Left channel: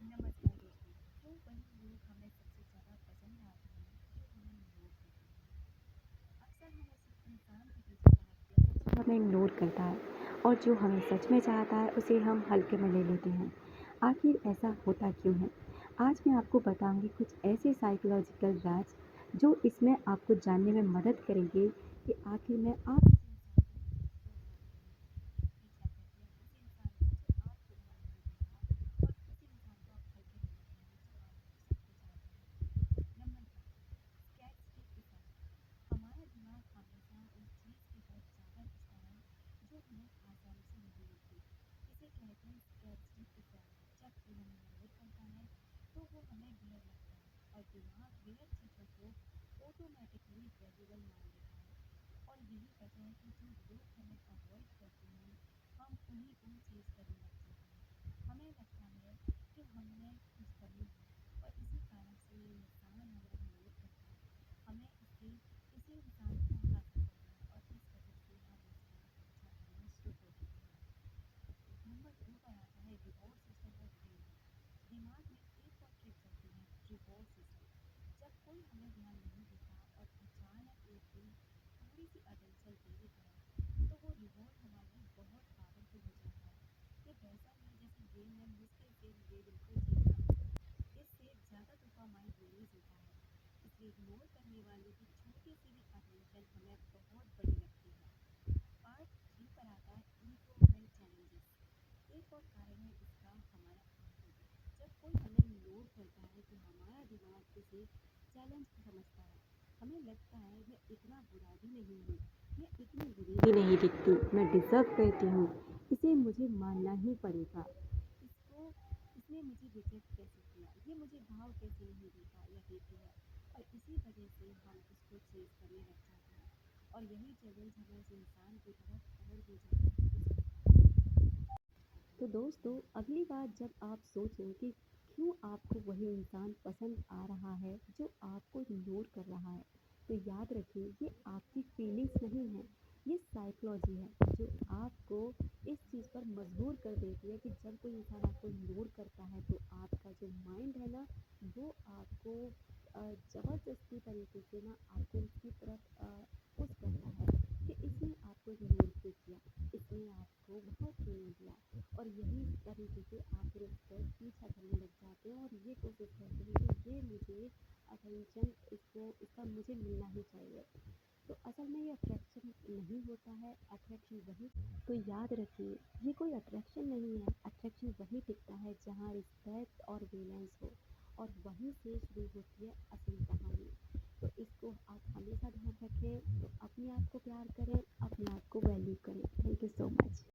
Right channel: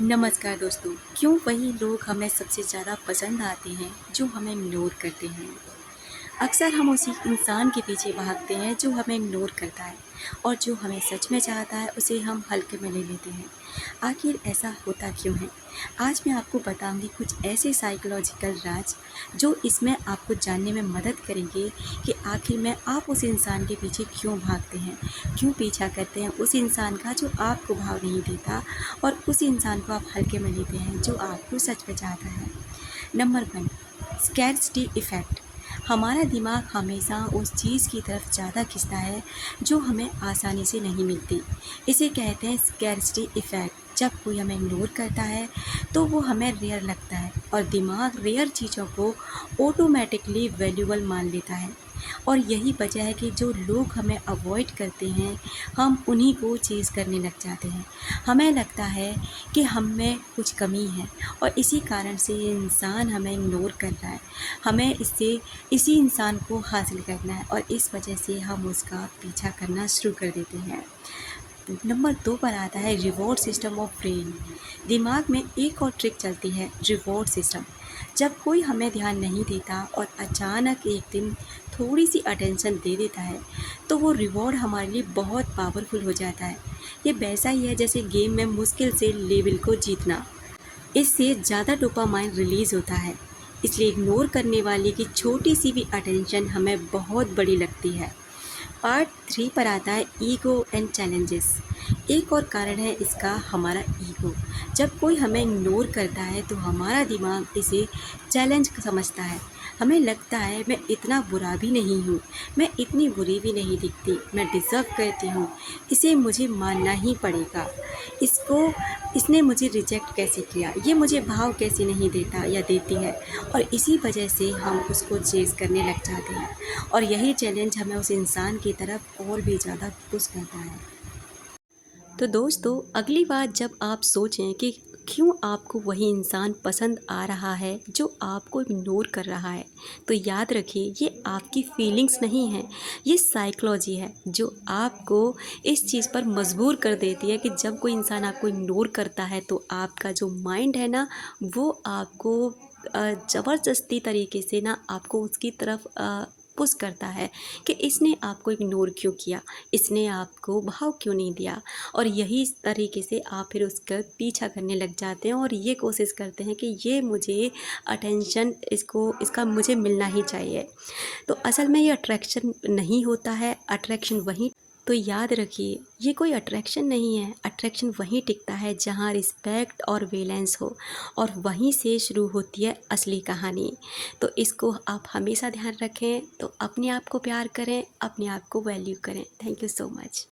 नमस्कार दोस्तों। क्यों वही लोग हमें सबसे ज़्यादा पसंद आते हैं जो हमें इग्नोर करते हैं। अक्सर हम उसी इंसान के पीछे भागते हैं जो हमें इग्नोर करता है और जो हमें सच में चाहता है उसे हम हल्के में ले लेते हैं। आखिर ऐसा होता क्यों है? आज मैं आपको बताऊंगी कुछ ऐसे साइकोलॉजिकल राज जो इसमें आपको जानने में मदद करेंगे कि आखिर में आप उस इंसान के पीछे क्यों भागते हैं, क्यों पीछा करते हैं उस इंसान का जो आपको भाव नहीं देता और उस इंसान को आप हल्के में लेते हैं जो आपको सच में चाहता है। Number 1, scarcity effect. हमारा दिमाग हमेशा उस चीज़ की तरफ ज़्यादा खींचता है जो हमें आसानी से नहीं मिलती। इसे कहते हैं स्कैर्सिटी इफ़ेक्ट। जब कोई हमें इग्नोर करता है तो वो हमें रेयर लगता है और दिमाग रेयर चीज़ों को ऑटोमेटिकली वैल्यूबल मान लेता है। और यही वजह है कि जो लोग हमें अवॉइड करते हैं हम उन्हीं को चेज़ करने लग जाते हैं। हमें लगता है कि हम में कुछ कमी है और इसी कारण से ये इंसान हमें इग्नोर कर रहा है। हमें इससे इसी इंसान को हासिल करना है और इस वजह से हम उसका पीछा करना शुरू कर देते हैं। नंबर 2 पर आता है रिवॉर्ड सिस्टम ऑफ ब्रेन। दिमाग में एक और ट्रिक चलती है, रिवॉर्ड सिस्टम। जब कोई हमें ध्यान नहीं देता और अचानक एक दिन थोड़ी सी अटेंशन दे देता है तो वो रिवॉर्ड हमारे लिए बहुत पावरफुल हो जाता है। ये वैसा ही है जैसे गेम में मुश्किल से लेवल को जीतना। इससे ज़्यादा डोपामाइन रिलीज़ होता है, इसलिए इग्नोर करने वाले की छोटी सी भी अटेंशन हमें बहुत बड़ी लगती है। पार्ट 3 पर आता है ईगो एंड चैलेंजेस। एक और कारण है इसका हमारा ईगो। जब कोई हमें इग्नोर करता है तो हमारा दिमाग इसे चैलेंज समझता है। हमें लगता है मैं इतना बुरा भी नहीं हूँ, मैं इतनी बुरी भी नहीं दिखती, मैं डिज़र्व करती हूँ, इसे मुझे मानना ही पड़ेगा। इसको इसने मुझे रिजेक्ट कैसे किया, ये मुझे भाव कैसे नहीं देता या देती है। और इसी वजह से हम उसको चेज़ करने लग जाते हैं और यही चैलेंज हमें उस इंसान की तरफ और भी ज़्यादा पुश करता है। तो दोस्तों, अगली बार जब आप सोचें कि क्यों आपको वही इंसान पसंद आ रहा है जो आपको इग्नोर कर रहा है, तो याद रखिए ये आपकी फीलिंग्स नहीं है, ये साइकोलॉजी है जो आपको इस चीज़ पर मजबूर कर देती है कि जब कोई इंसान आपको इग्नोर करता है तो आपका जो माइंड है ना, वो आपको ज़बरदस्ती तरीके से ना आपको उसकी तरफ पुश करता है कि इसने आपको इग्नोर क्यों किया, इसने आपको भाव क्यों नहीं दिया। और यही तरीके से आप फिर उसका पीछा करने लग जाते हैं और ये कोशिश करते हैं कि ये मुझे अटेंशन इसका मुझे मिलना ही चाहिए। तो असल में ये अट्रैक्शन नहीं होता है, अट्रैक्शन वहीं। तो याद रखिए ये कोई अट्रैक्शन नहीं है, अट्रैक्शन वहीं टिकता है जहाँ रिस्पेक्ट और बैलेंस हो और वहीं से शुरू होती है असली कहानी। तो इसको आप हमेशा ध्यान रखें। तो अपने आप को प्यार करें, अपने आप को वैल्यू करें। Thank you so much.